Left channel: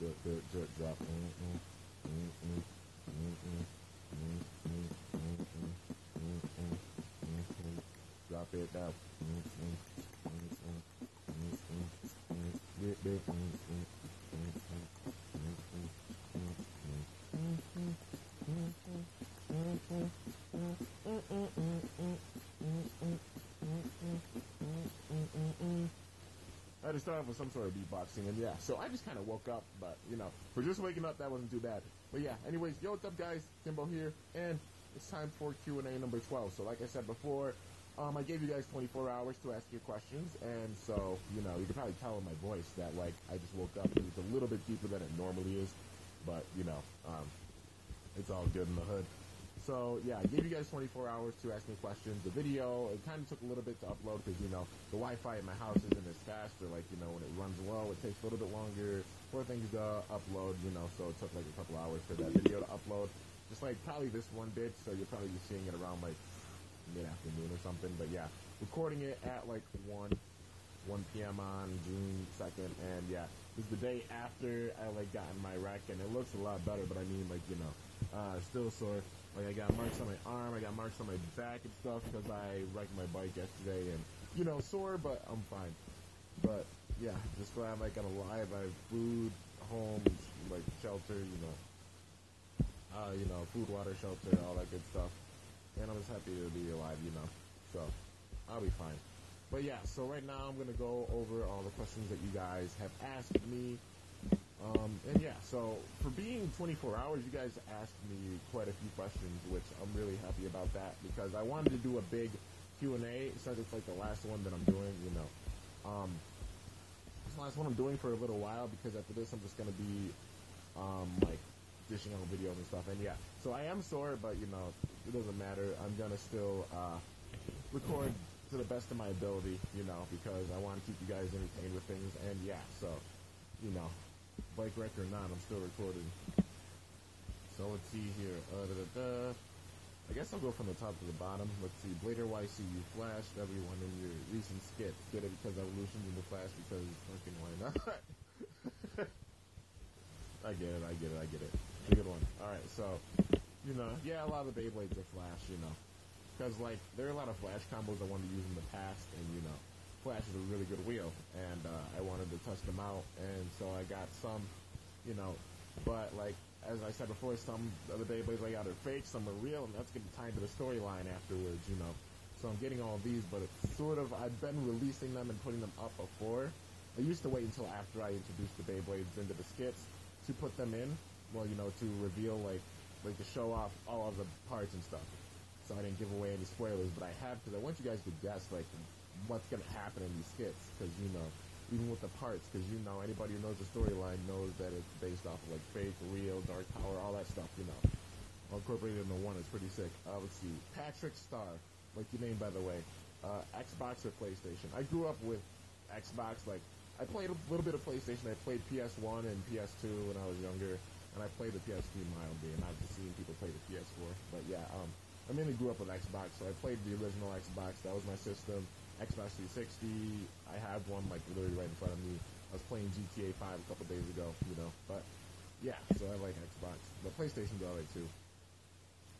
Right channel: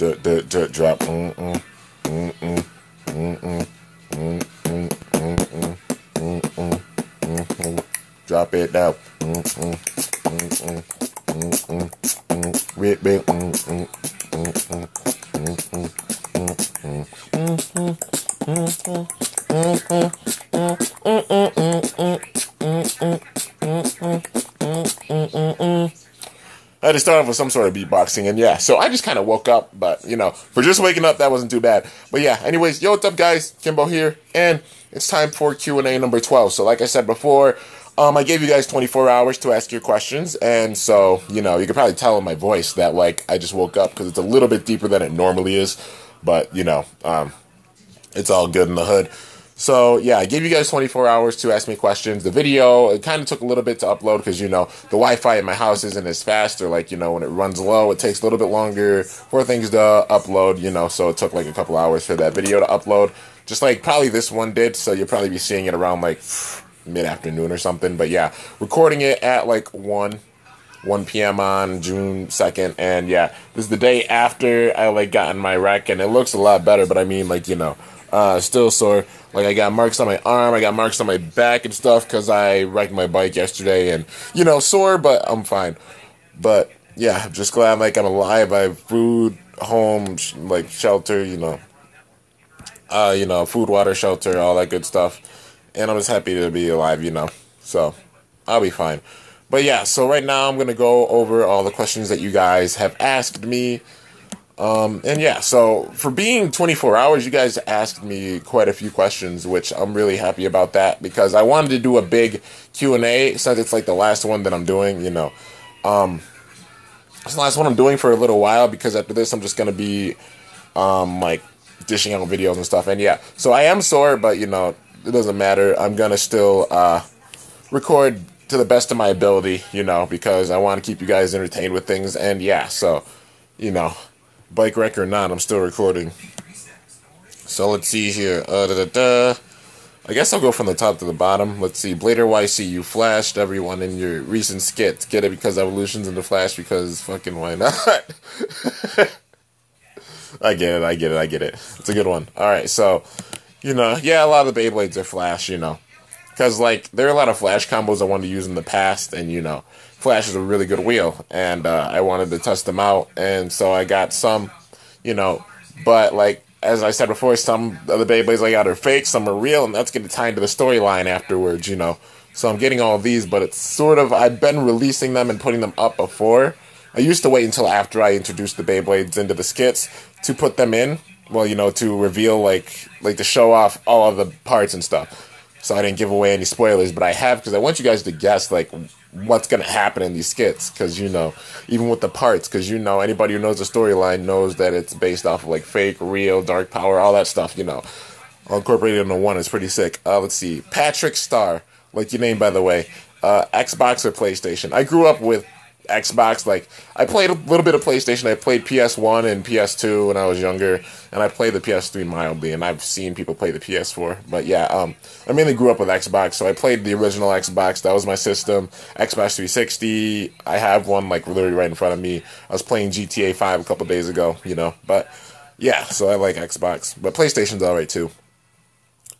Drop. Mm-mm. Mm-mm. Mm-mm. Mm-mm. Mm-mm. Mm-mm. Mm-mm. Drop it down. Mm-mm. Mm-mm. Mm-mm. Mm-mm. Rip, rip. Mm-mm. Mm-mm. Mm-mm. Mm-mm. Mm-mm. Mm-mm. Mm-mm. I had to start off with some sort of beatboxing, and yeah, so I just kind of woke up, but, you know, for just waking up, that wasn't too bad. But yeah, anyways, yo, what's up, guys? Kimbo here, and it's time for Q&A number 12. So like I said before, I gave you guys 24 hours to ask your questions, and so, you know, you can probably tell in my voice that, like, I just woke up, because it's a little bit deeper than it normally is, but, you know, it's all good in the hood. So, yeah, I gave you guys 24 hours to ask me questions. The video, it kind of took a little bit to upload because, you know, the Wi-Fi in my house isn't as fast, or, like, you know, when it runs low, it takes a little bit longer for things to upload, you know, so it took, like, a couple hours for that video to upload. Just like probably this one did, so you'll probably be seeing it around, like, mid-afternoon or something. But, yeah, recording it at, like, 1 p.m. on June 2nd, and, yeah, this is the day after I, like, got in my wreck, and it looks a lot better, but I mean, like, you know, still sore. Like, I got marks on my arm, I got marks on my back and stuff because I wrecked my bike yesterday, and, you know, sore, but I'm fine. But, yeah, I'm just glad, like, I'm alive. I have food, home, like, shelter, you know, food, water, shelter, all that good stuff. And I'm just happy to be alive, you know. So, I'll be fine. But, yeah, so right now I'm going to go over all the questions that you guys have asked me. And yeah, so for being 24 hours, you guys asked me quite a few questions, which I'm really happy about that because I wanted to do a big Q&A since it's like the last one that I'm doing, you know. It's the last one I'm doing for a little while because after this I'm just going to be, like, dishing out videos and stuff. And yeah, so I am sore, but, you know, it doesn't matter. I'm going to still, record to the best of my ability, you know, because I want to keep you guys entertained with things. And yeah, so, you know, bike wreck or not, I'm still recording. So let's see here. I guess I'll go from the top to the bottom. Let's see. Blader YC, you flashed everyone in your recent skit. Get it because Evolution's in the Flash because fucking why not? I get it. It's a good one. Alright, so, you know, yeah, a lot of the Beyblades are Flash, you know. Because, like, there are a lot of Flash combos I wanted to use in the past, and, you know, Flash is a really good wheel, and I wanted to test them out, and so I got some, you know, but, like, as I said before, some of the Beyblades I got are fake, some are real, and that's going to tie into the storyline afterwards, you know. So I'm getting all of these, but it's sort of, I've been releasing them and putting them up before. I used to wait until after I introduced the Beyblades into the skits to put them in, well, you know, to reveal, like to show off all of the parts and stuff. So I didn't give away any spoilers, but I have because I want you guys to guess, like, what's going to happen in these skits. Because, you know, even with the parts, because, you know, anybody who knows the storyline knows that it's based off of, like, fake, real, dark power, all that stuff, you know. All incorporated into one. It's pretty sick. Let's see. Patrick Star, like your name, by the way. Xbox or PlayStation? I grew up with Xbox. Like, I played a little bit of PlayStation. I played PS1 and PS2 when I was younger, and I played the PS3 mildly, and I've seen people play the PS4. But yeah, I mainly grew up with Xbox, so I played the original Xbox. That was my system. Xbox 360. I have one, like, literally right in front of me. I was playing GTA 5 a couple days ago, you know. But yeah, so I like Xbox. But PlayStation's alright too.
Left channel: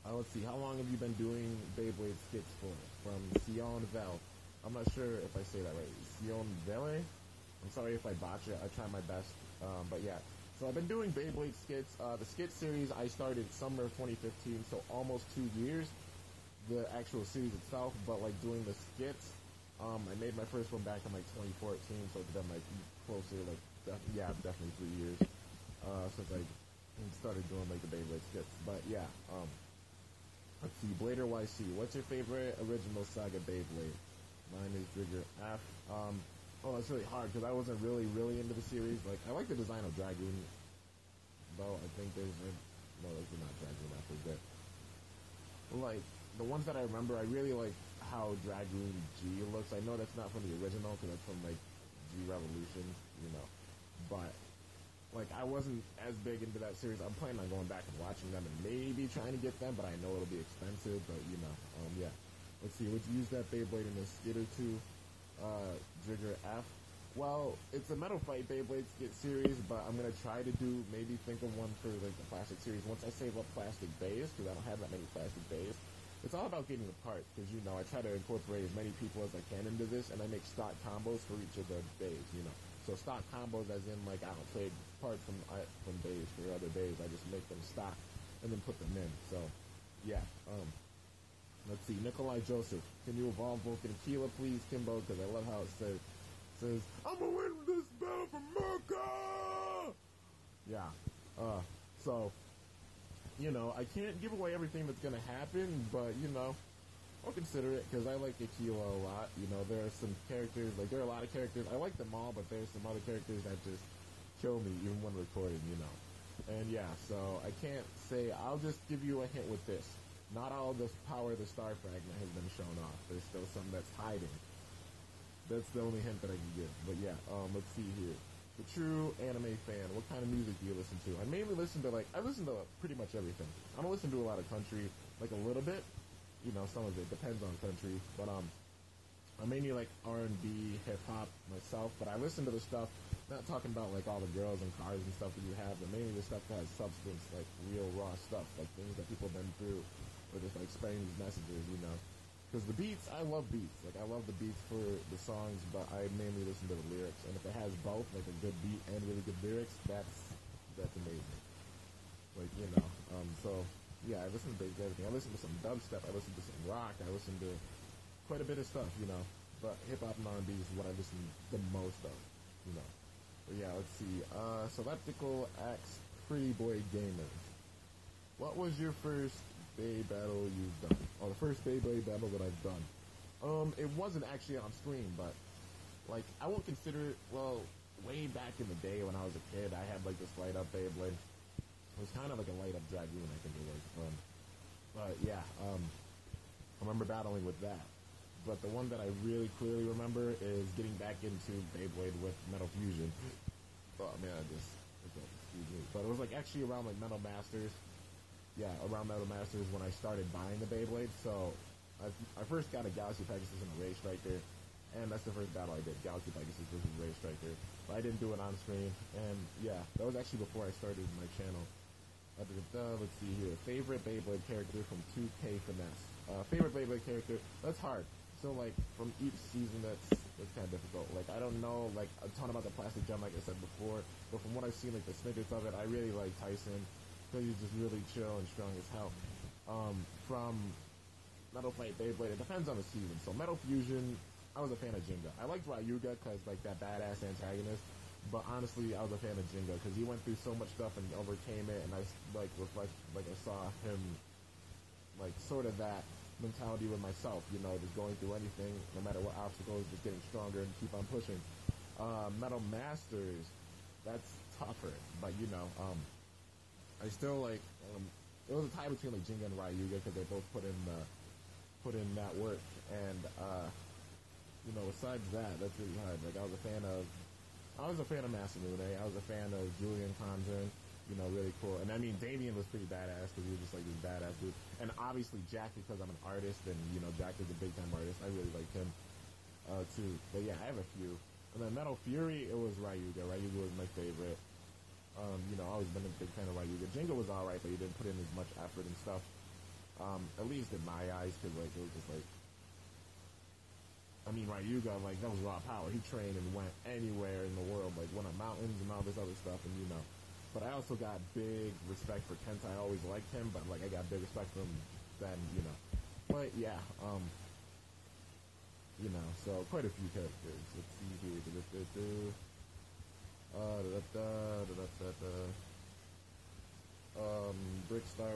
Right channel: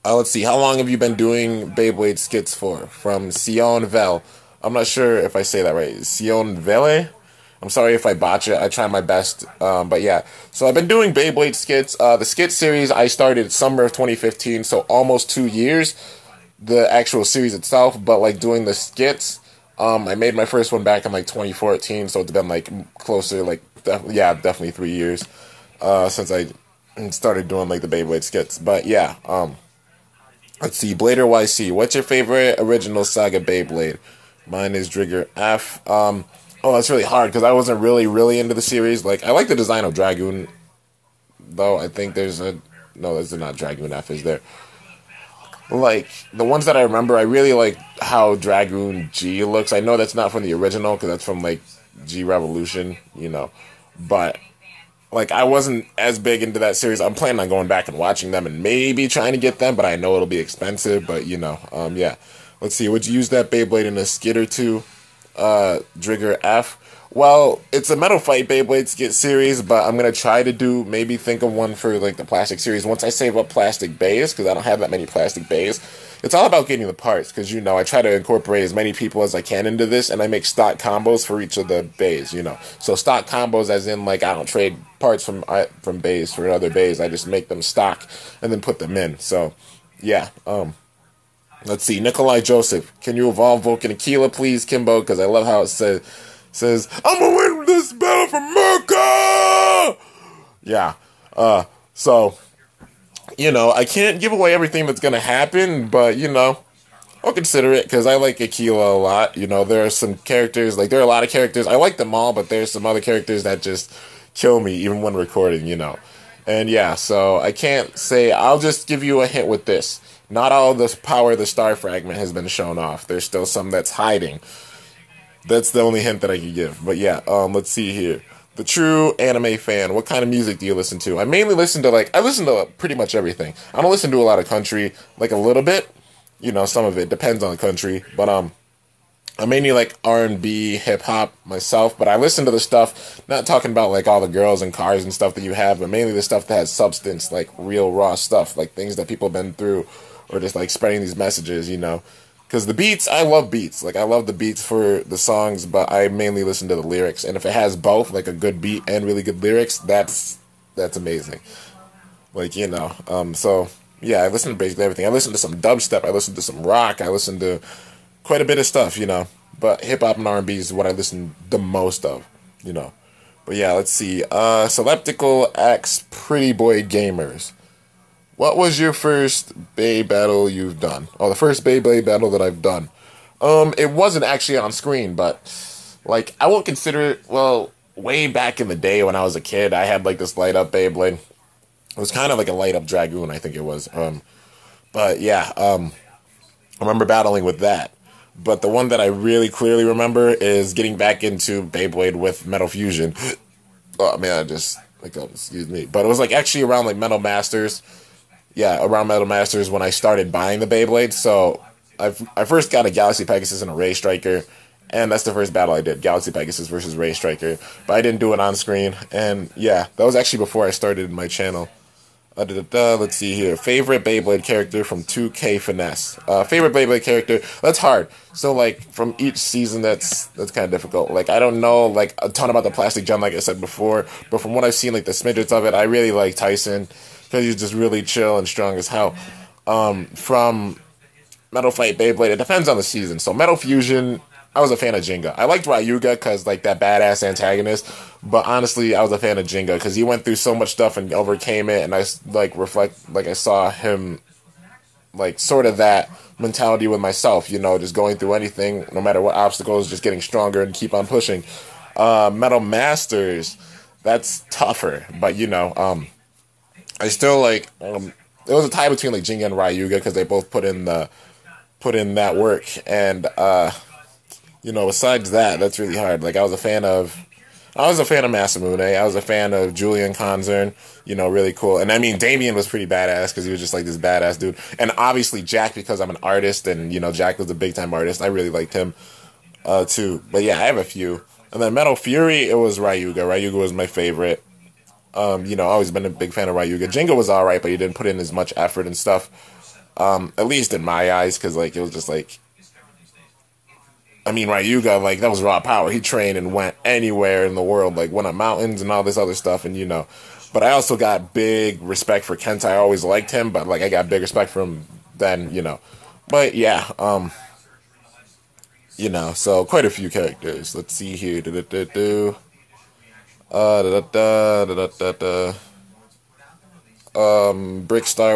Let's see. How long have you been doing Beyblade skits for? From Sion Vel. I'm not sure if I say that right. Sion Vele? I'm sorry if I botch it. I try my best. But yeah. So I've been doing Beyblade skits. The skit series I started summer of 2015, so almost 2 years. The actual series itself, but like doing the skits, I made my first one back in like 2014, so it's been like closer, like, definitely 3 years since I started doing like the Beyblade skits. But yeah, let's see. Blader YC, what's your favorite original Saga Beyblade? Mine is Drigger F. Oh, that's really hard because I wasn't really into the series. Like, I like the design of Dragoon, though. I think there's a... No, there's not Dragoon F, is there? Like, the ones that I remember, I really like how Dragoon G looks. I know that's not from the original because that's from, like, G Revolution, you know. But, like, I wasn't as big into that series. I'm planning on going back and watching them and maybe trying to get them, but I know it'll be expensive. But, you know, yeah. Let's see, would you use that Beyblade in a skit or two? Drigger F. Well, it's a Metal Fight Beyblade Skit series, but I'm gonna try to do maybe think of one for like the plastic series once I save up plastic bays because I don't have that many plastic bays. It's all about getting the parts because I try to incorporate as many people as I can into this, and I make stock combos for each of the bays. So stock combos as in like I don't trade parts from bays for other bays. I just make them stock and then put them in. So yeah. Let's see. Nikolai Joseph, can you evolve Vulcan Aquila, please, Kimbo? Because I love how it says, I'm gonna win this battle for America! Yeah. So, I can't give away everything that's gonna happen, but, I'll consider it because I like Aquila a lot. There are some characters, like, there are a lot of characters. I like them all, but there's some other characters that just kill me, even when recording. And yeah, so I can't say, I'll just give you a hint with this. Not all the power of the star fragment has been shown off. There's still some that's hiding. That's the only hint that I can give. But yeah, let's see here. The true anime fan, what kind of music do you listen to? I mainly listen to, I listen to pretty much everything. I don't listen to a lot of country, like a little bit. Some of it depends on the country. But I mainly like R&B, hip-hop myself. But I listen to the stuff, not talking about like all the girls and cars and stuff that you have, but mainly the stuff that has substance, like real raw stuff, like things that people have been through, or just like spreading these messages, Because the beats, I love beats. Like, I love the beats for the songs, but I mainly listen to the lyrics. And if it has both, like a good beat and really good lyrics, that's amazing. So, yeah, I listen to basically everything. I listen to some dubstep, I listen to some rock, I listen to quite a bit of stuff, But hip-hop and R&B is what I listen the most of. But yeah, let's see. Seleptical X Pretty Boy Gamers. What was your first Bey battle you've done? Oh, the first Beyblade battle that I've done. It wasn't actually on screen, but, I won't consider it, way back in the day when I was a kid, I had, this light-up Beyblade. It was kind of like a light-up Dragoon, I think it was. But, yeah, I remember battling with that. But the one that I really clearly remember is getting back into Beyblade with Metal Fusion. Oh, man, excuse me. But it was, actually around, Metal Masters. Yeah, around Metal Masters when I started buying the Beyblade. So I first got a Galaxy Pegasus and a Ray Striker, and that's the first battle I did, Galaxy Pegasus versus Ray Striker. But I didn't do it on screen, and yeah, that was actually before I started my channel. Let's see here. Favorite Beyblade character from 2K Finesse. Favorite Beyblade character, that's hard. So, from each season, that's kind of difficult. I don't know, a ton about the Plastic Gen, like I said before, but from what I've seen, the smidgets of it, I really like Tyson, because he's just really chill and strong as hell. From Metal Fight Beyblade, it depends on the season. So Metal Fusion, I was a fan of Jinga. I liked Ryuga because that badass antagonist, but honestly, I was a fan of Jinga because he went through so much stuff and overcame it, and I I saw him sort of that mentality with myself, just going through anything, no matter what obstacles, just getting stronger and keep on pushing. Metal Masters, that's tougher, but I still it was a tie between Jinga and Ryuga because they both put in that work, and besides that, that's really hard. I was a fan of Masamune. I was a fan of Julian Konzern. Really cool. And I mean, Damien was pretty badass because he was just this badass dude. And obviously Jack, because I'm an artist, and Jack was a big time artist. I really liked him too. But yeah, I have a few. And then Metal Fury, it was Ryuga. Ryuga was my favorite. I've always been a big fan of Ryuga. Jinga was alright, but he didn't put in as much effort and stuff. At least in my eyes, because it was just Ryuga, that was raw power. He trained and went anywhere in the world, went up mountains and all this other stuff, and But I also got big respect for Kenta. I always liked him, but I got big respect for him then, But yeah, so quite a few characters. Let's see here. Brickstar,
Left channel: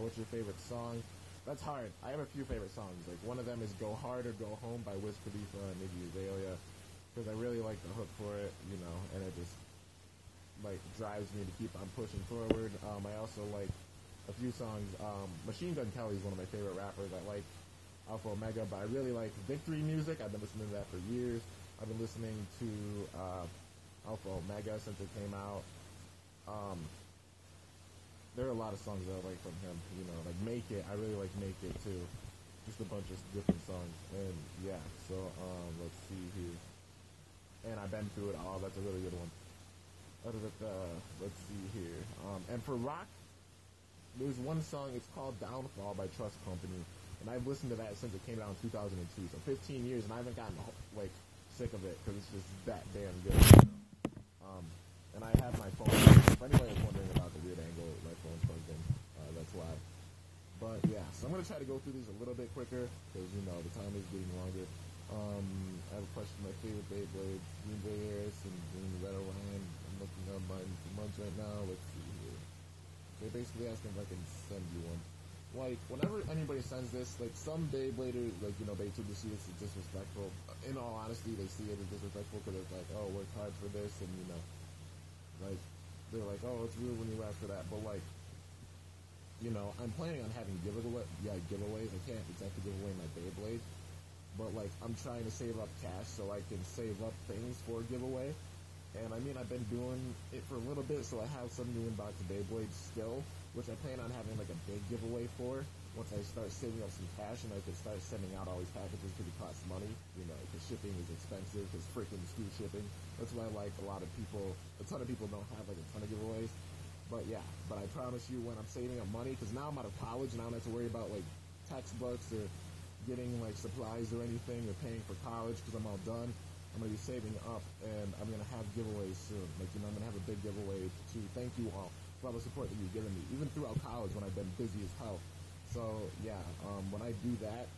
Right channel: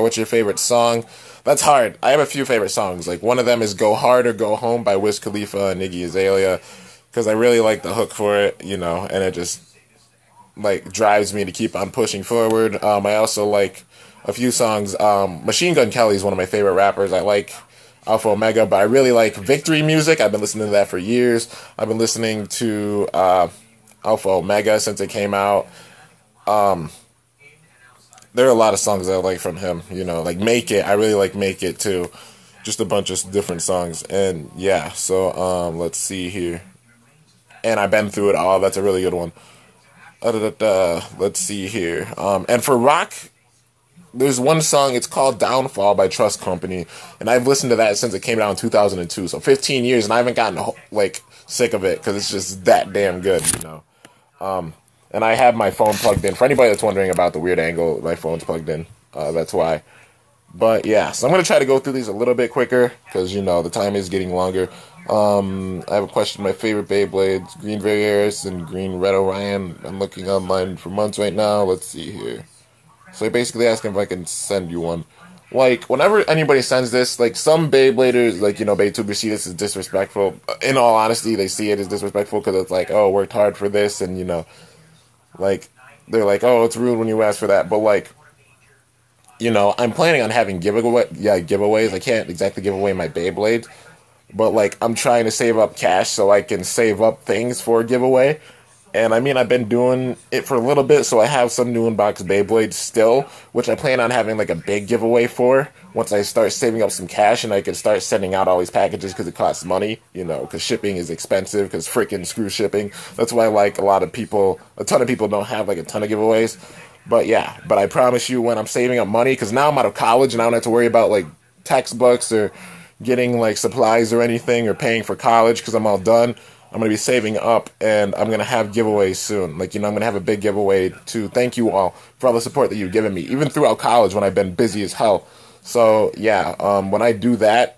what's your favorite song? That's hard. I have a few favorite songs. One of them is Go Hard or Go Home by Wiz Khalifa and Iggy Azalea, because I really like the hook for it, and it just drives me to keep on pushing forward. I also like a few songs. Machine Gun Kelly is one of my favorite rappers. I like Alpha Omega, but I really like Victory Music. I've been listening to that for years. I've been listening to Alpha Omega since it came out. There are a lot of songs that I like from him, Make It. I really like Make It too. Just a bunch of different songs. And yeah, so let's see here. and I've been through it all. That's a really good one. Let's see here. And for rock, there's one song, it's called Downfall by Trust Company, and I've listened to that since it came out in 2002, so 15 years, and I haven't gotten, like, sick of it, because it's just that damn good, you know. And I have my phone plugged in. For anybody that's wondering about the weird angle, my phone's plugged in, that's why. But, yeah, so I'm going to try to go through these a little bit quicker, because, you know, the time is getting longer. I have a question. My favorite Beyblades, Green Varys and Green Red Orion. I'm looking online for months right now. Let's see here. So basically asking if I can send you one. Like, whenever anybody sends this, like, some Beybladers, like, you know, Beytubers see this as disrespectful. In all honesty, they see it as disrespectful because it's like, oh, worked hard for this, and, you know, like, they're like, oh, it's rude when you ask for that. But, like, you know, I'm planning on having giveaways. I can't exactly give away my Beyblades, but, like, I'm trying to save up cash so I can save up things for a giveaway. And, I mean, I've been doing it for a little bit, so I have some new unboxed Beyblades still, which I plan on having, like, a big giveaway for once I start saving up some cash and I can start sending out all these packages because it costs money, you know, because shipping is expensive, because freaking screw shipping. That's why, like, a ton of people don't have, like, a ton of giveaways. But, yeah, but I promise you when I'm saving up money, because now I'm out of college and I don't have to worry about, like, textbooks or getting, like, supplies or anything or paying for college because I'm all done. I'm going to be saving up, and I'm going to have giveaways soon. Like, you know, I'm going to have a big giveaway to thank you all for all the support that you've given me, even throughout college when I've been busy as hell. So, yeah, when I do that,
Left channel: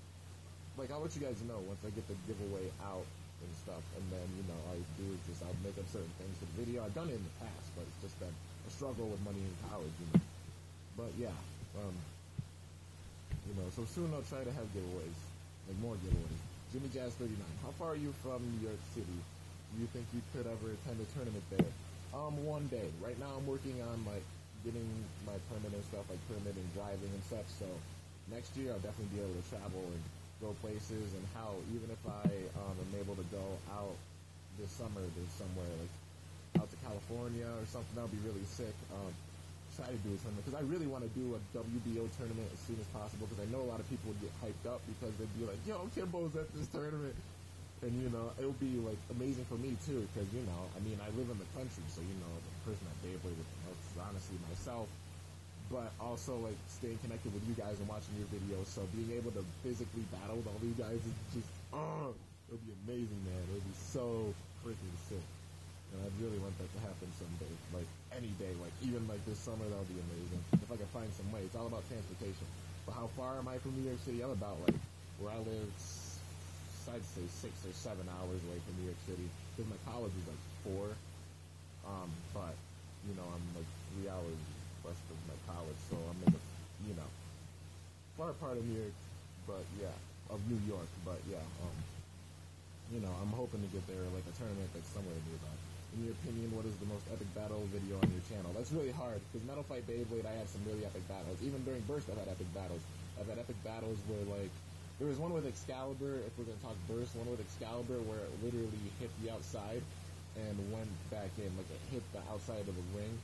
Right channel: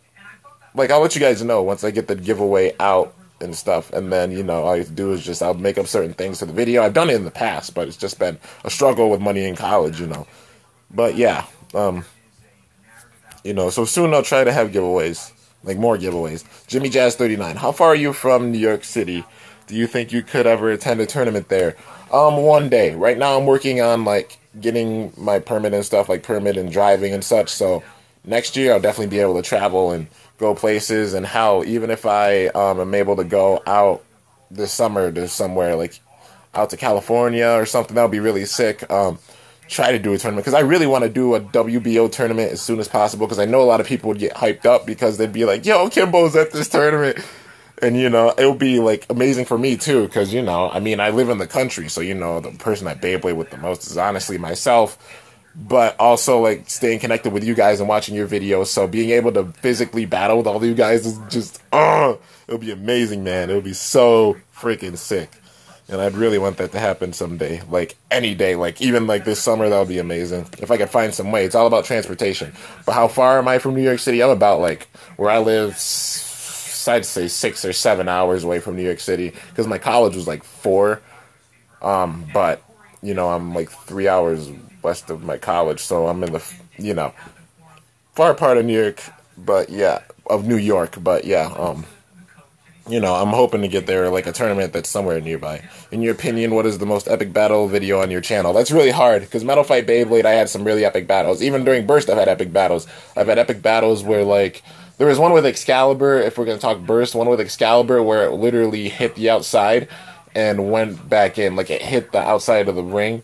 like, I'll let you guys know once I get the giveaway out and stuff. And then, you know, all I do is just, I'll make up certain things to the video. I've done it in the past, but it's just been a struggle with money in college, you know. But, yeah, you know, so soon I'll try to have giveaways. Like, more giveaways. Jimmy Jazz 39. How far are you from New York City? Do you think you could ever attend a tournament there? One day. Right now I'm working on, like, getting my permit and stuff, like permit and driving and such. So next year I'll definitely be able to travel and go places. And how, even if I am able to go out this summer to somewhere, like, out to California or something, that would be really sick. Try to do a tournament, because I really want to do a WBO tournament as soon as possible, because I know a lot of people would get hyped up because they'd be like, yo, Kimbo's at this tournament, and, you know, it would be, like, amazing for me too, because, you know, I mean, I live in the country, so, you know, the person I Beyblade with the most is honestly myself, but also, like, staying connected with you guys and watching your videos, so being able to physically battle with all of you guys is just, it'll be amazing, man. It'll be so freaking sick. And I'd really want that to happen someday. Like, any day. Like, even, like, this summer, that would be amazing. If I could find some way. It's all about transportation. But how far am I from New York City? I'm about, like, where I live, I'd say 6 or 7 hours away from New York City. Because my college was, like, 4. But, you know, I'm, like, 3 hours west of my college. So I'm in the, you know, far part of New York. But, yeah, of New York. But, yeah, you know, I'm hoping to get there, like, a tournament that's somewhere nearby. In your opinion, what is the most epic battle video on your channel? That's really hard, because Metal Fight Beyblade, I had some really epic battles. Even during Burst, I've had epic battles. I've had epic battles where, like, there was one with Excalibur, if we're going to talk Burst, one with Excalibur where it literally hit the outside and went back in. Like, it hit the outside of the ring,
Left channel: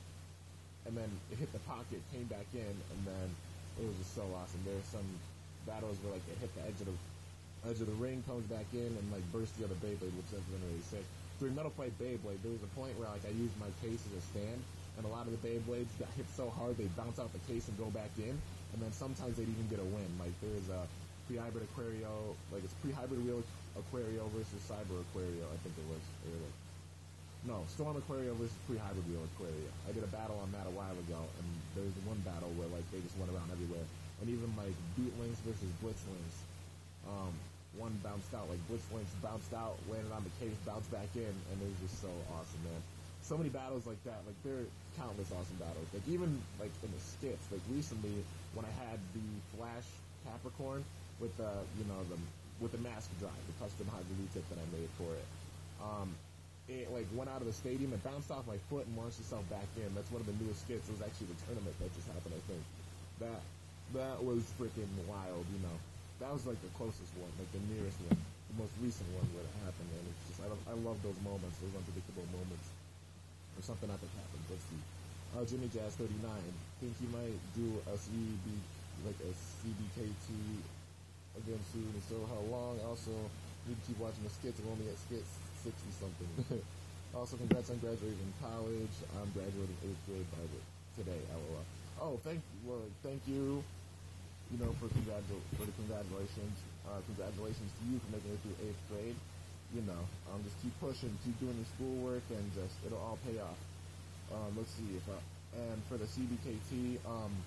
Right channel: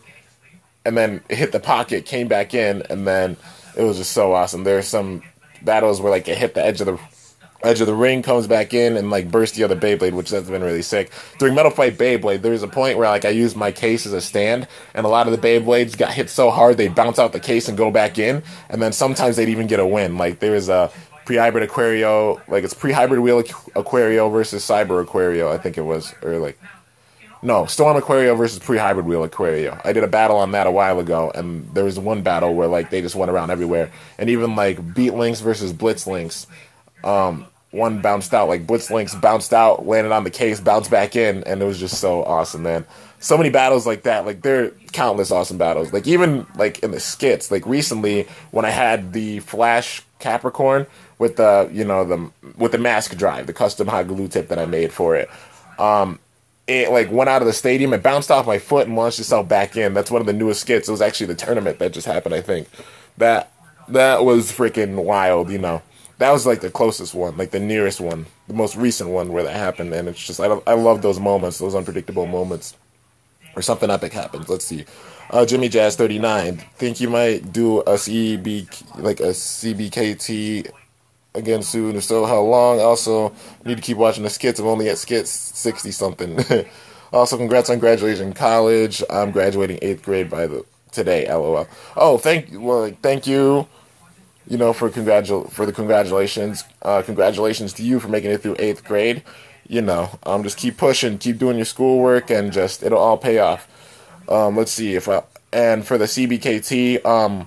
and then it hit the pocket, came back in, and then it was just so awesome. There are some battles where, like, it hit the edge of the ring, comes back in, and, like, burst the other Beyblade, which has been really sick. During Metal Fight Beyblade, there was a point where, like, I used my case as a stand, and a lot of the Beyblades got hit so hard they'd bounce out the case and go back in, and then sometimes they'd even get a win. Like, there was a pre-hybrid Aquario, like, it's pre-hybrid wheel Aquario versus Cyber Aquario, I think it was, or, like, no, Storm Aquario versus pre-hybrid wheel Aquario. I did a battle on that a while ago, and there was one battle where, like, they just went around everywhere. And even, like, Beat Links versus Blitz Links, one bounced out, like, Blitz Links bounced out, landed on the case, bounced back in, and it was just so awesome, man. So many battles like that, like, there are countless awesome battles. Like, even, like, in the skits, like, recently, when I had the Flash Capricorn with the, you know, with the mask drive, the custom hot glue tip that I made for it, it, like, went out of the stadium, it bounced off my foot and launched itself back in. That's one of the newest skits. It was actually the tournament that just happened, I think. That was freaking wild, you know. That was, like, the closest one, like, the nearest one, the most recent one where that happened, and it's just, I love those moments, those unpredictable moments, or something epic happens. Let's see. Jimmy Jazz 39, think you might do a CBKT again soon. If so, how long? Also, need to keep watching the skits. I'm only at skits 60 something. Also, congrats on graduation in college. I'm graduating 8th grade today. LOL. Oh, thank you. You know, for the congratulations. Congratulations to you for making it through 8th grade. You know, just keep pushing, keep doing your schoolwork, and just it'll all pay off. Let's see if I and for the CBKT.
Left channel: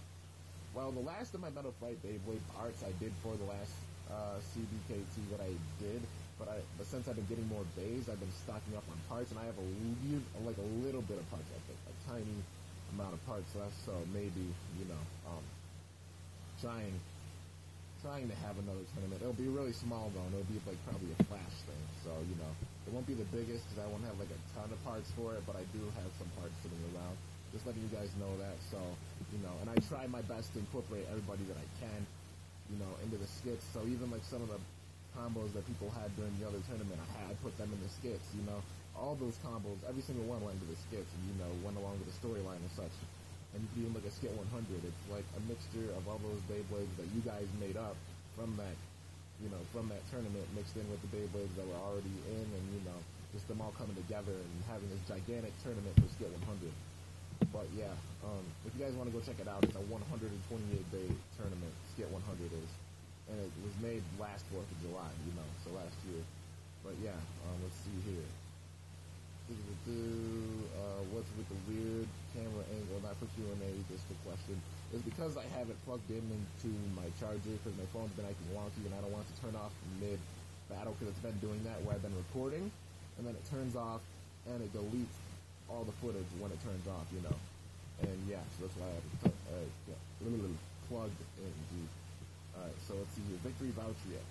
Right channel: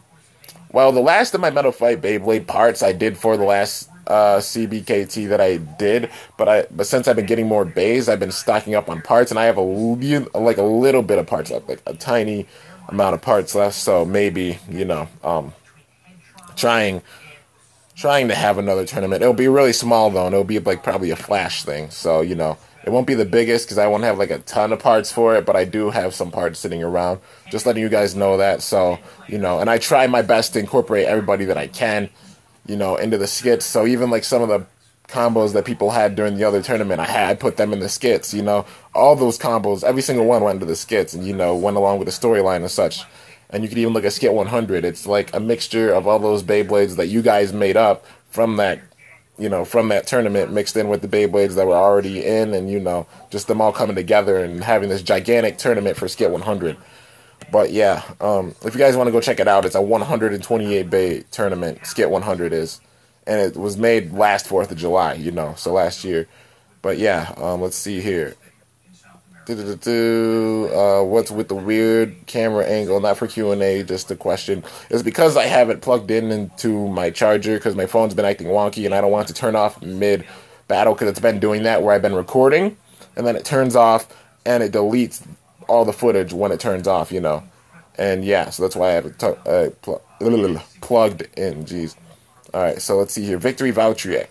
Well, the last of my Metal Fight Beyblade parts I did for the last CBKT that I did, but since I've been getting more bays, I've been stocking up on parts, and I have a little bit of parts left, like a tiny amount of parts left. So maybe trying to have another tournament. It'll be really small though, and it'll be like probably a flash thing. So it won't be the biggest because I won't have like a ton of parts for it, but I do have some parts sitting around. Just letting you guys know that. So and I try my best to incorporate everybody that I can, into the skits. So even like some of the combos that people had during the other tournament, I put them in the skits. All those combos, every single one went into the skits, and went along with the storyline and such. And you could even look at Skit 100. It's like a mixture of all those Beyblades that you guys made up from that, from that tournament, mixed in with the Beyblades that were already in, and just them all coming together and having this gigantic tournament for Skit 100. But yeah, if you guys want to go check it out, it's a 128 Bay tournament. Skit 100 is, and it was made last 4th of July. So last year. But yeah, let's see here. What's with the weird camera angle? Not for Q&A, just a question. It's because I have it plugged into my charger because my phone's been acting wonky, and I don't want it to turn off mid battle because it's been doing that where I've been recording, and then it turns off and it deletes all the footage when it turns off, and yeah, so that's why I have it plugged in. Jeez. All right, so let's see here. Victory Voutriek.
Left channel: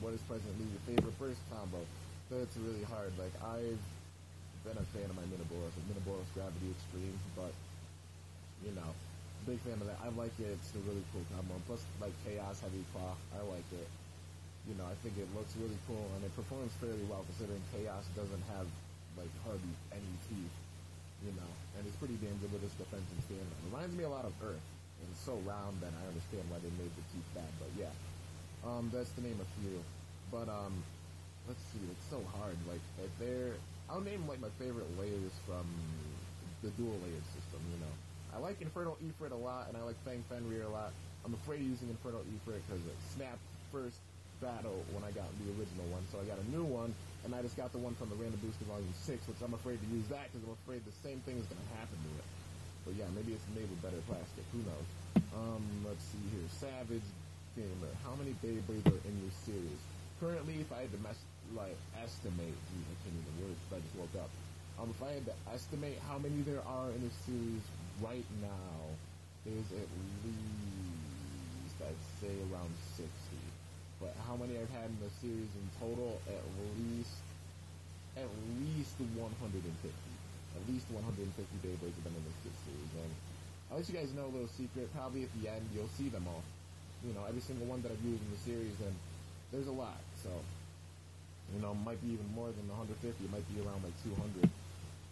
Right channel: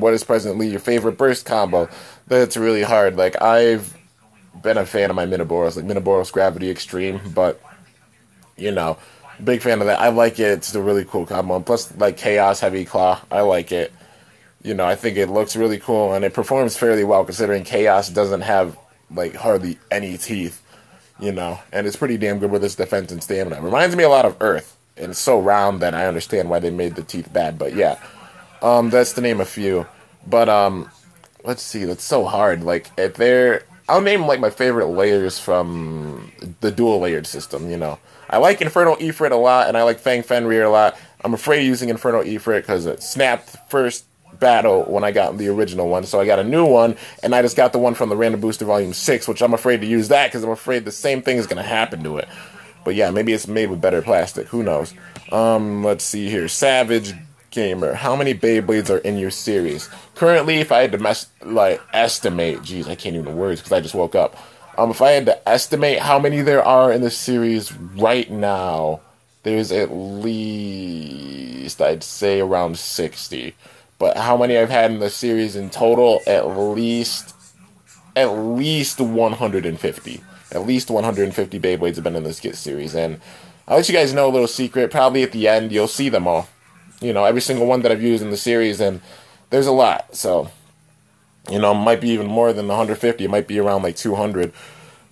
What is presently your favorite burst combo? That's really hard. Like, I've been a fan of my Minoboros, like Minoboros Gravity Extreme, but big fan of that. I like it. It's a really cool combo. And plus, like Chaos Heavy Claw, I like it. I think it looks really cool, and it performs fairly well considering Chaos doesn't have like hardly any teeth. And it's pretty damn good with its defense and stamina. It reminds me a lot of Earth, and it's so round that I understand why they made the teeth bad. But yeah, that's to name a few. But let's see, that's so hard. Like I'll name like my favorite layers from the dual layered system. I like Inferno Ifrit a lot, and I like Fang Fenrir a lot. I'm afraid of using Inferno Ifrit because it snapped first battle when I got the original one, so I got a new one, and I just got the one from the Random Booster Volume 6, which I'm afraid to use that because I'm afraid the same thing is going to happen to it. But yeah, maybe it's made with better plastic. Who knows? Let's see here. Savage Gamer. How many Beyblades are in your series? Currently, if I had to estimate, geez, I can't even words because I just woke up. If I had to estimate how many there are in the series right now, there's at least, I'd say, around 60. But how many I've had in the series in total? At least 150. At least 150 Beyblades have been in the skit series. And I'll let you guys know a little secret. Probably at the end, you'll see them all. Every single one that I've used in the series. And there's a lot. So, it might be even more than 150. It might be around like 200.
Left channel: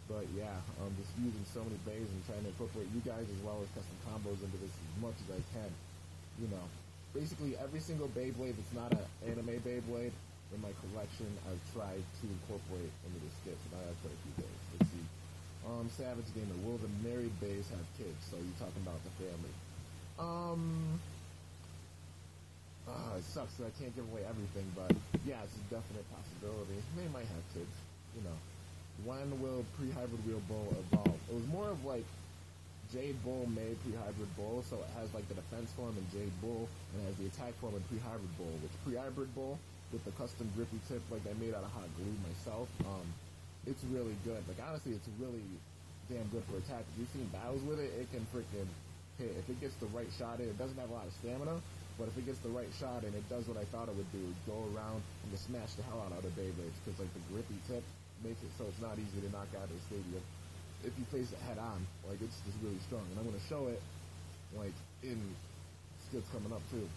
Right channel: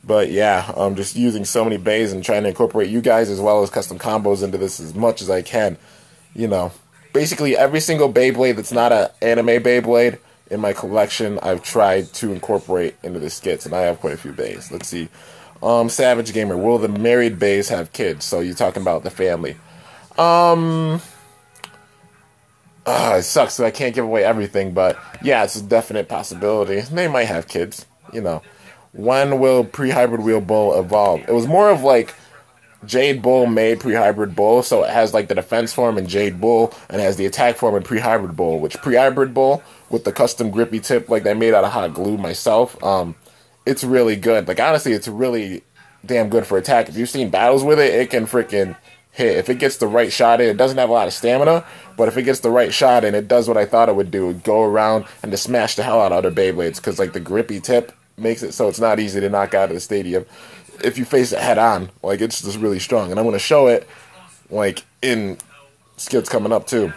But yeah, I'm just using so many bays and trying to incorporate you guys as well as custom combos into this as much as I can. Basically every single Beyblade that's not an anime Beyblade in my collection, I've tried to incorporate into the skits, and I have quite a few bays. Let's see. Savage Gamer, will the married bays have kids? So you're talking about the family. It sucks that I can't give away everything, but yeah, it's a definite possibility. They might have kids, When will Pre-Hybrid Wheel Bull evolve? It was more of like Jade Bull made Pre-Hybrid Bull, so it has like the defense form in Jade Bull, and it has the attack form in Pre-Hybrid Bull, which Pre-Hybrid Bull, with the custom grippy tip like I made out of hot glue myself, it's really good. Like, honestly, it's really damn good for attack. If you've seen battles with it, it can freaking hit. If it gets the right shot in, it doesn't have a lot of stamina, but if it gets the right shot in, it does what I thought it would do. It'd go around and just smash the hell out of other Beyblades, because like the grippy tip makes it so it's not easy to knock out of the stadium if you face it head on. Like, it's just really strong, and I'm going to show it like in skits coming up too.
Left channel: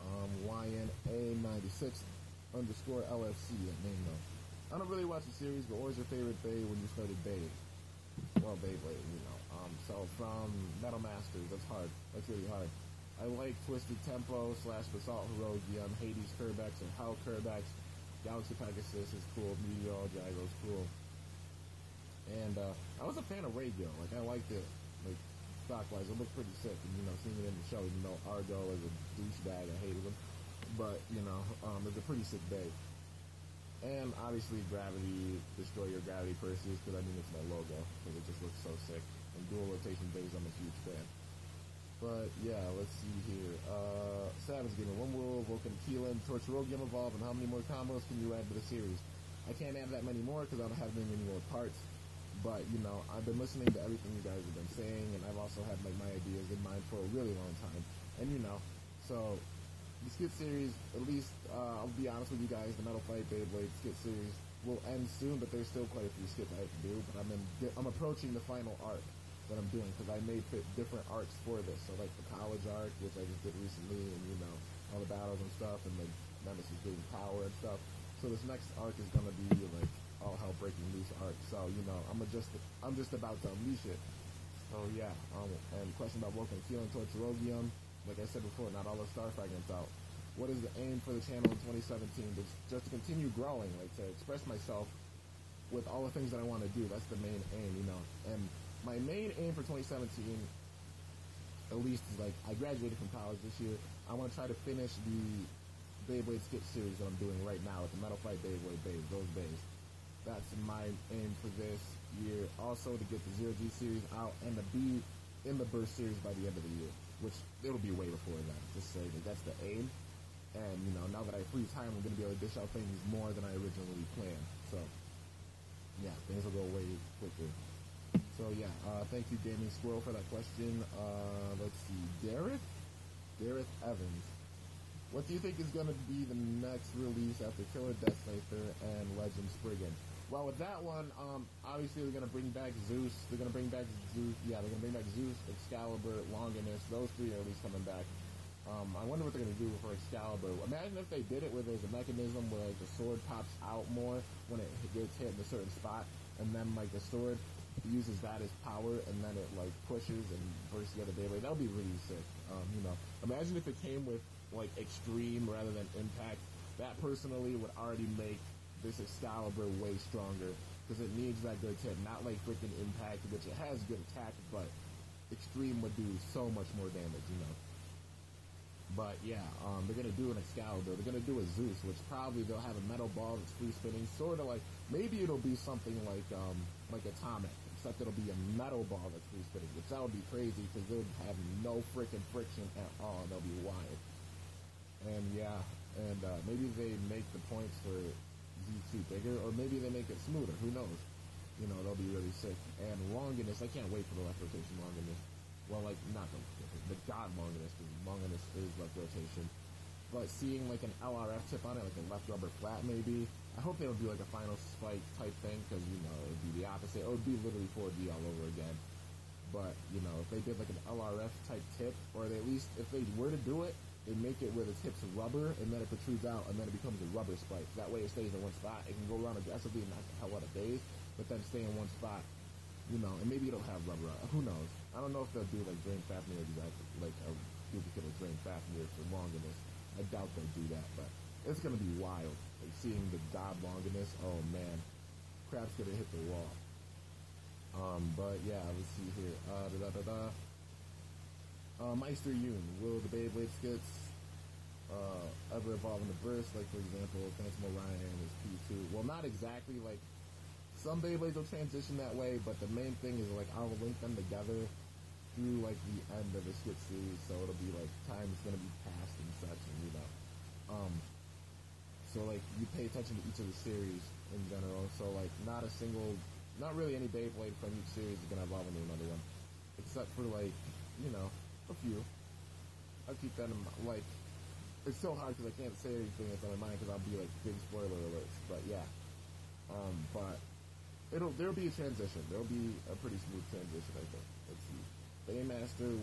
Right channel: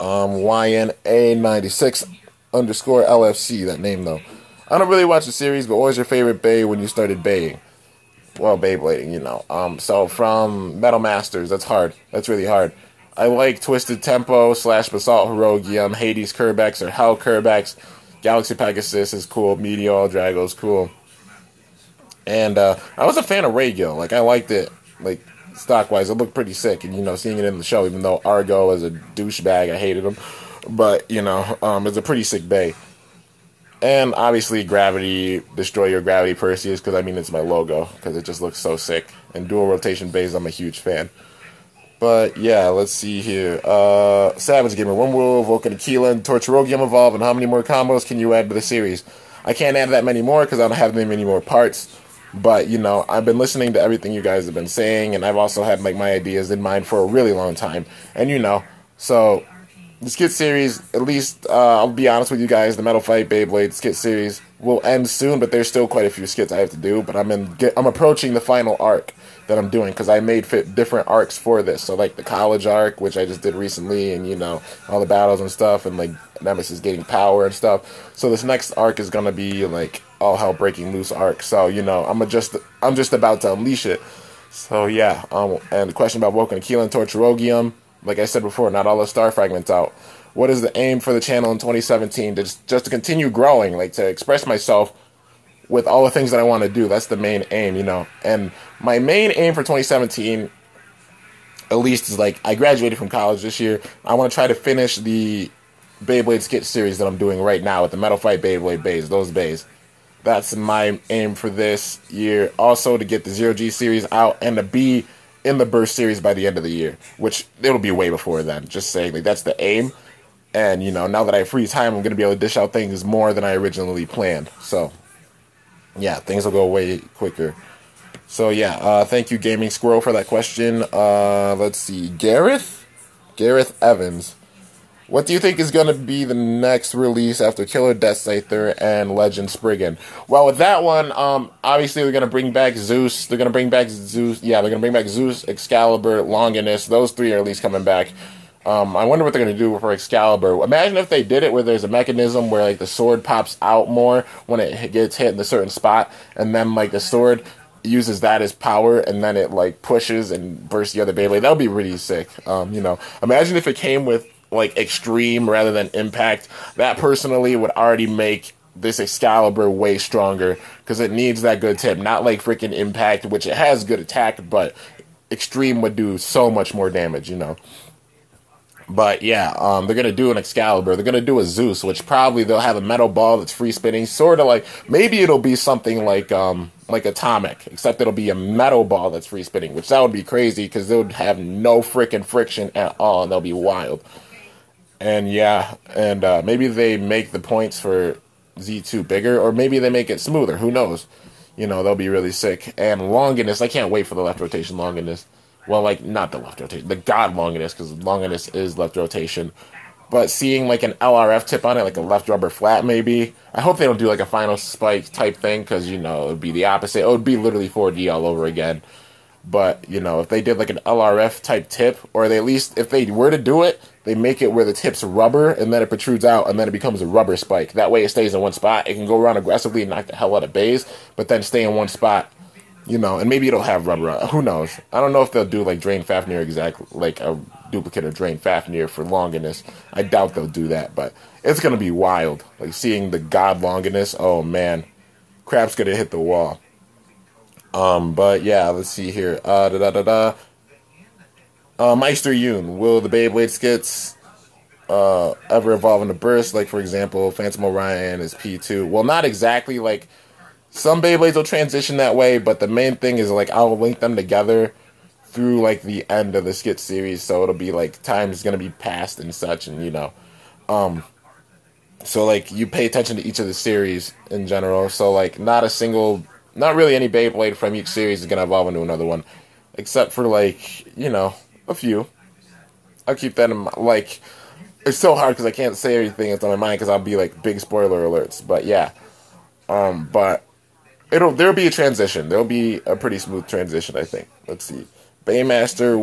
YNA96 _ LFC, that name though. I don't really watch the series, but what was your favorite bay when you started baying? Well, Beyblading, So from Metal Masters, that's hard. That's really hard. I like Twisted Tempo / Basalt Herogium, Hades Kerbex or Hell Kerbex, Galaxy Pegasus is cool, Meteor Drago is cool. And I was a fan of Regio. Like, I liked it, like, stock-wise. It looked pretty sick. And, you know, seeing it in the show, even though Argo is a douchebag, I hated him. But, you know, it's a pretty sick bay. And, obviously, Gravity, Destroy Your Gravity Perseus, because, I mean, it's my logo, because it just looks so sick. And dual rotation bays, I'm a huge fan. But, yeah, let's see here. Savage Gamer, when will Vulcan Aquila and Torturogium evolve, and how many more combos can you add to the series? I can't add that many more, because I don't have that many more parts. But, you know, I've been listening to everything you guys have been saying, and I've also had, like, my ideas in mind for a really long time. And, you know, so, the skit series, at least, I'll be honest with you guys, the Metal Fight Beyblade skit series will end soon, but there's still quite a few skits I have to do. But I'm approaching the final arc that I'm doing, because I made different arcs for this. So, like, the college arc, which I just did recently, and, you know, all the battles and stuff, and, like, Nemesis getting power and stuff. So this next arc is gonna be like all hell breaking loose arc. So, you know, I'm just about to unleash it. So yeah. And the question about Woken Aquila and Torturogium, like I said before, not all the star fragments out. What is the aim for the channel in 2017? Just to continue growing, like to express myself with all the things that I want to do. That's the main aim, you know. And my main aim for 2017, at least, is like I graduated from college this year. I want to try to finish the Beyblade skit series that I'm doing right now with the Metal Fight Beyblade bays, those bays. That's my aim for this year. Also to get the Zero G series out and to be in the Burst series by the end of the year, which it'll be way before then. Just saying, like, that's the aim. And, you know, now that I have free time, I'm going to be able to dish out things more than I originally planned. So, yeah, things will go way quicker. So, yeah, thank you, Gaming Squirrel, for that question. Let's see. Gareth Evans. What do you think is going to be the next release after Killer Death Scyther and Legend Spriggan? Well, with that one, obviously they're going to bring back Zeus. They're going to bring back Zeus. Yeah, they're going to bring back Zeus, Excalibur, Longinus. Those three are at least coming back. I wonder what they're going to do for Excalibur. Imagine if they did it where there's a mechanism where, like, the sword pops out more when it gets hit in a certain spot, and then, like, the sword uses that as power, and then it, like, pushes and bursts the other Beyblade. That would be really sick. You know, imagine if it came with, like, extreme rather than impact. That personally would already make this Excalibur way stronger, because it needs that good tip. Not like freaking impact, which it has good attack, but extreme would do so much more damage, you know. But yeah, they're gonna do an Excalibur. They're gonna do a Zeus, which probably they'll have a metal ball that's free spinning, sort of like, maybe it'll be something like Atomic, except it'll be a metal ball that's free spinning, which that would be crazy because they would have no freaking friction at all, and they'll be wild. And yeah, and maybe they make the points for Z2 bigger, or maybe they make it smoother. Who knows? You know, they'll be really sick. And Longinus, I can't wait for the left rotation Longinus. Well, like, not the left rotation, the God Longinus, because Longinus is left rotation. But seeing, like, an LRF tip on it, like a left rubber flat, maybe. I hope they don't do, like, a final spike type thing, because, you know, it would be the opposite. It would be literally 4D all over again. But, you know, if they did, like, an LRF type tip, or they at least, if they were to do it, they make it where the tip's rubber, and then it protrudes out, and then it becomes a rubber spike. That way it stays in one spot. It can go around aggressively and knock the hell out of bays, but then stay in one spot. You know, and maybe it'll have rubber. Who knows? I don't know if they'll do, like, Drain Fafnir exactly, like a duplicate of Drain Fafnir for Longinus. I doubt they'll do that, but it's going to be wild. Like, seeing the God Longinus, oh, man. Crap's going to hit the wall. But, yeah, let's see here. Meister Yoon, will the Beyblade skits ever evolve into bursts? Like, for example, Phantom Orion is P2. Well, not exactly, like, some Beyblades will transition that way, but the main thing is, like, I'll link them together through, like, the end of the skit series, so it'll be, like, time's gonna be passed and such, and, you know. So, like, you pay attention to each of the series in general, so, like, not really any Beyblade from each series is gonna evolve into another one, except for, like, you know, a few. I'll keep that in mind. Like, it's so hard because I can't say everything that's on my mind because I'll be, like, big spoiler alerts, but, yeah. But there'll be a transition. There'll be a pretty smooth transition, I think. Let's see. Baymaster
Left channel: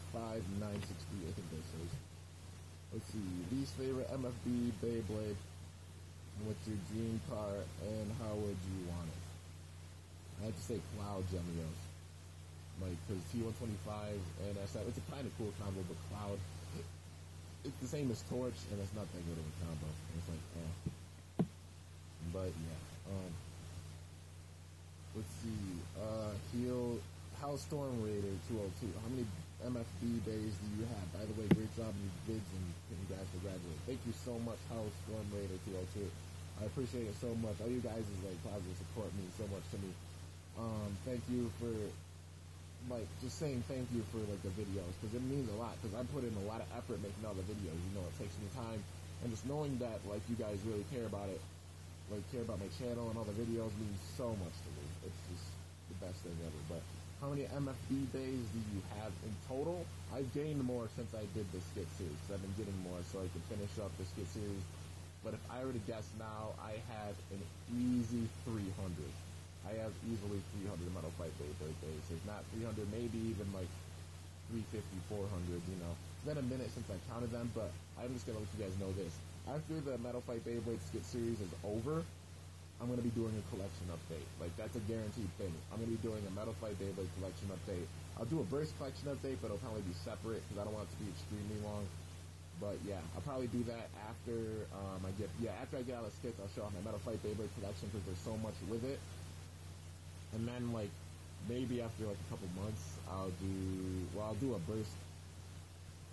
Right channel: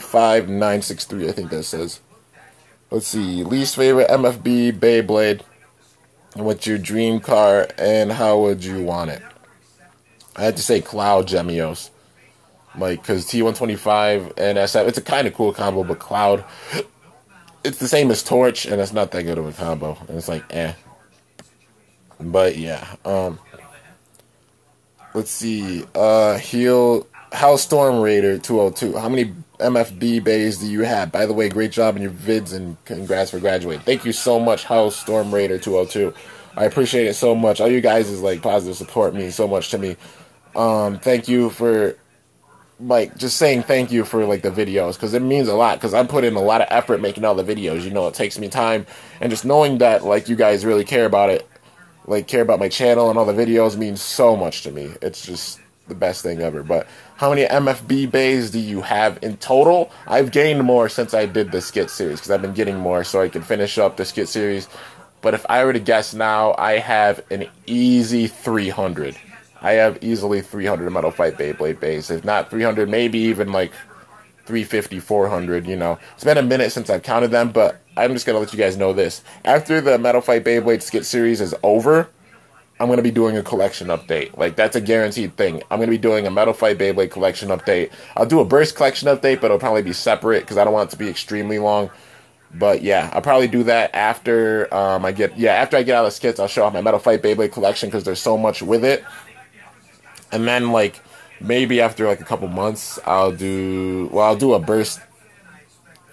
15963, I think that says. Let's see. Least favorite MFB Beyblade. What's your dream car and how would you want it? I had to say Cloud Gemios. Like, because T125 and SF, it's a kind of cool combo, but Cloud, it's the same as Torch, and it's not that good of a combo. And it's like, eh. But yeah, let's see. House Storm Raider 202. How many MFB bays do you have? By the way, great job in your vids and congrats for graduating. Thank you so much, House Storm Raider 202. I appreciate it so much. All you guys is like positive support means so much to me. Thank you for like just saying thank you for like the videos, because it means a lot, because I'm putting a lot of effort making all the videos. You know, it takes me time, and just knowing that like you guys really care about it, like care about my channel and all the videos, means so much to me. It's just the best thing ever. But how many MFB bays do you have in total? I've gained more since I did the skit series, because I've been getting more so I can finish up the skit series. But if I were to guess now, I have an easy 300. I have easily 300 Metal Fight Beyblade bays. If not 300, maybe even like 350, 400, you know. It's been a minute since I've counted them, but I'm just going to let you guys know this. After the Metal Fight Beyblade skit series is over, I'm going to be doing a collection update. Like, that's a guaranteed thing. I'm going to be doing a Metal Fight Beyblade collection update. I'll do a Burst collection update, but it'll probably be separate because I don't want it to be extremely long. But yeah, I'll probably do that after after I get out of the skits. I'll show off my Metal Fight Beyblade collection because there's so much with it. And then like maybe after like a couple months, I'll do a Burst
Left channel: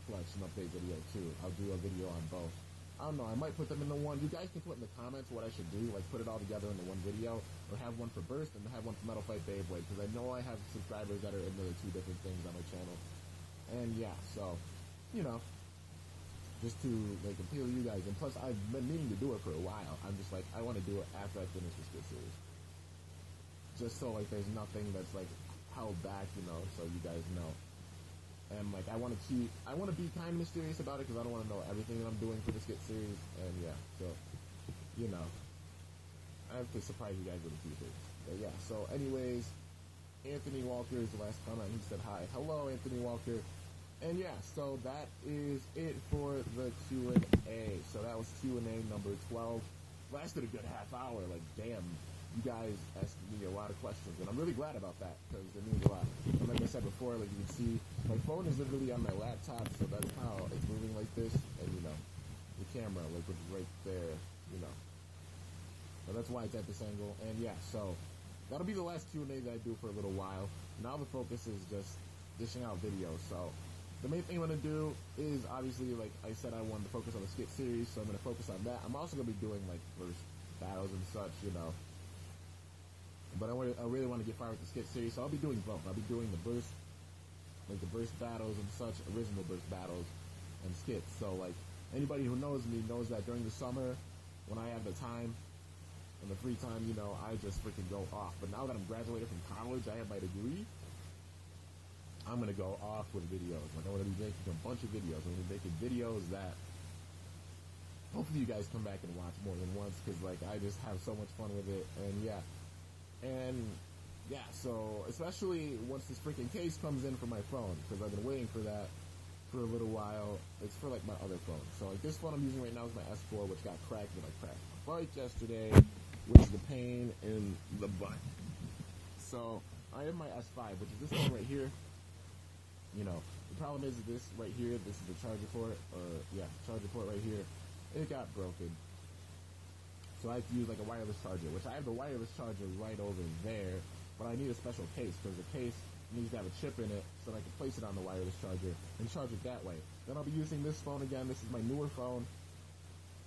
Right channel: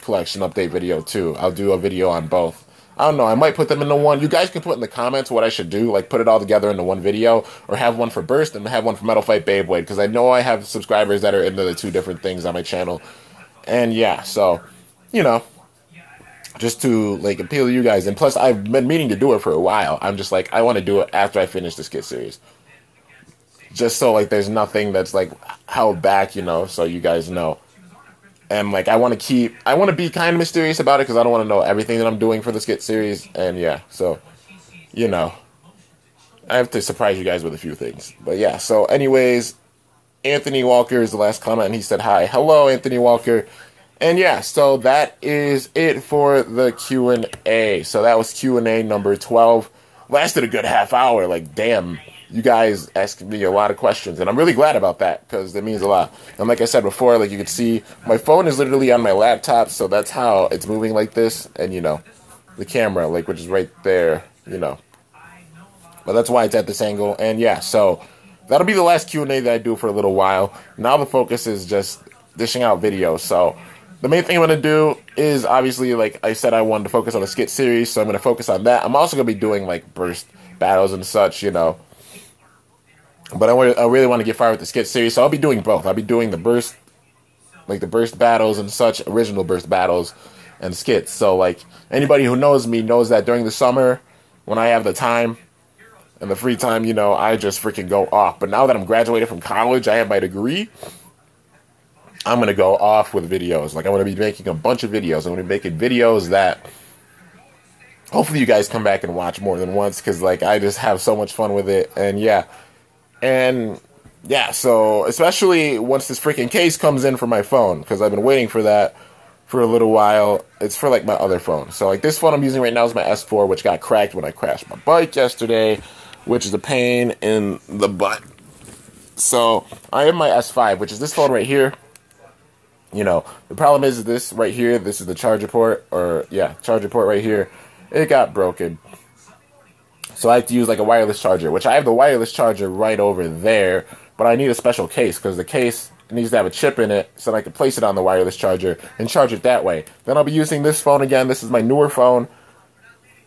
collection update video too. I'll do a video on both. I don't know, I might put them into one. You guys can put in the comments what I should do, like put it all together into one video, or have one for Burst and have one for Metal Fight Beyblade, because I know I have subscribers that are into the two different things on my channel. And yeah, so, you know, just to like appeal to you guys. And plus, I've been meaning to do it for a while. I'm just like, I want to do it after I finish the skit series. Just so like there's nothing that's like held back, you know, so you guys know. And like I want to be kind of mysterious about it, because I don't want to know everything that I'm doing for the skit series. And yeah, so, you know, I have to surprise you guys with a few things. But yeah, so anyways, Anthony Walker is the last comment, and he said hi. Hello, Anthony Walker. And yeah, so that is it for the Q&A. So that was Q&A number 12. Lasted a good half hour. Like, damn, you guys asked me a lot of questions, and I'm really glad about that, because it means a lot. And like I said before, like you can see, my phone is literally on my laptop, so that's how it's moving like this. And, you know, the camera, like, which is right there, you know. But that's why it's at this angle. And yeah, so that'll be the last Q&A that I do for a little while. Now the focus is just dishing out videos. So the main thing I'm going to do is, obviously, like I said, I wanted to focus on the skit series, so I'm going to focus on that. I'm also going to be doing, like, Burst battles and such, you know. But I really want to get fired with the skit series, so I'll be doing both. I'll be doing the Burst, like, the Burst battles and such, original Burst battles and skits. So, like, anybody who knows me knows that during the summer, when I have the time and the free time, you know, I just freaking go off. But now that I'm graduated from college, I have my degree, I'm going to go off with videos. Like, I'm going to be making a bunch of videos. I'm going to be making videos that hopefully you guys come back and watch more than once, because, like, I just have so much fun with it. And, yeah. And, yeah, so especially once this freaking case comes in for my phone, because I've been waiting for that for a little while. It's for, like, my other phone. So, like, this phone I'm using right now is my S4, which got cracked when I crashed my bike yesterday, which is a pain in the butt. So, I have my S5, which is this phone right here. You know, the problem is this right here, this is the charger port, charger port right here. It got broken. So I have to use like a wireless charger, which I have the wireless charger right over there, but I need a special case, because the case needs to have a chip in it so I can place it on the wireless charger and charge it that way. Then I'll be using this phone again. This is my newer phone,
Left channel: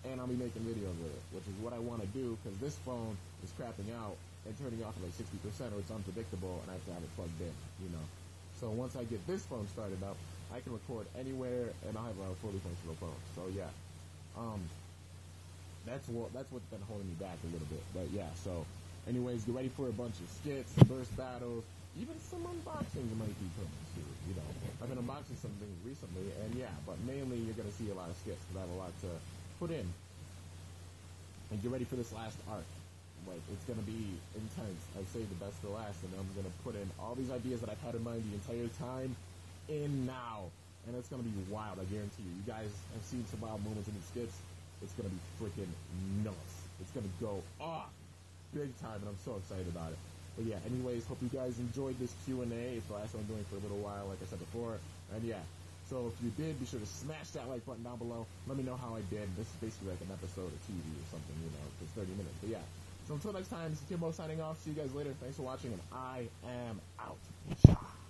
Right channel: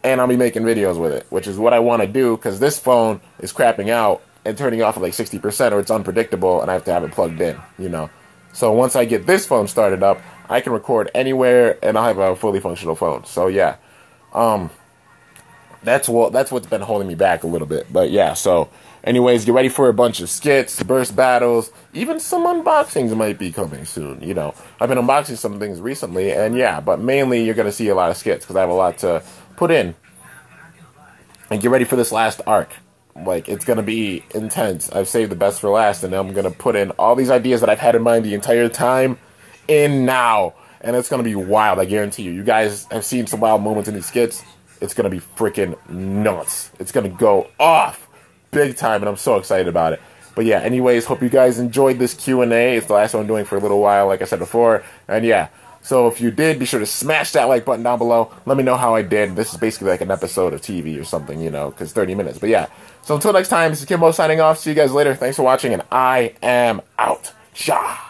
and I'll be making videos with it, which is what I want to do, because this phone is crapping out and turning off at like 60%, or it's unpredictable, and I have to have it plugged in, you know. So once I get this phone started up, I can record anywhere, and I'll have a fully functional phone. So yeah, that's what's been holding me back a little bit. But yeah, so anyways, get ready for a bunch of skits, burst battles, even some unboxings might be coming soon. You know, I've been unboxing some things recently, and yeah, but mainly you're gonna see a lot of skits, because I have a lot to put in. And get ready for this last arc. Like, it's going to be intense. I've saved the best for last, and I'm going to put in all these ideas that I've had in mind the entire time in now. And it's going to be wild, I guarantee you. You guys have seen some wild moments in these skits. It's going to be freaking nuts. It's going to go off big time, and I'm so excited about it. But yeah, anyways, hope you guys enjoyed this Q&A. It's the last one I'm doing for a little while, like I said before. And yeah, so if you did, be sure to smash that like button down below. Let me know how I did. This is basically like an episode of TV or something, you know, because 30 minutes. But yeah, so until next time, this is K1mbo signing off. See you guys later. Thanks for watching, and I am out. Ja.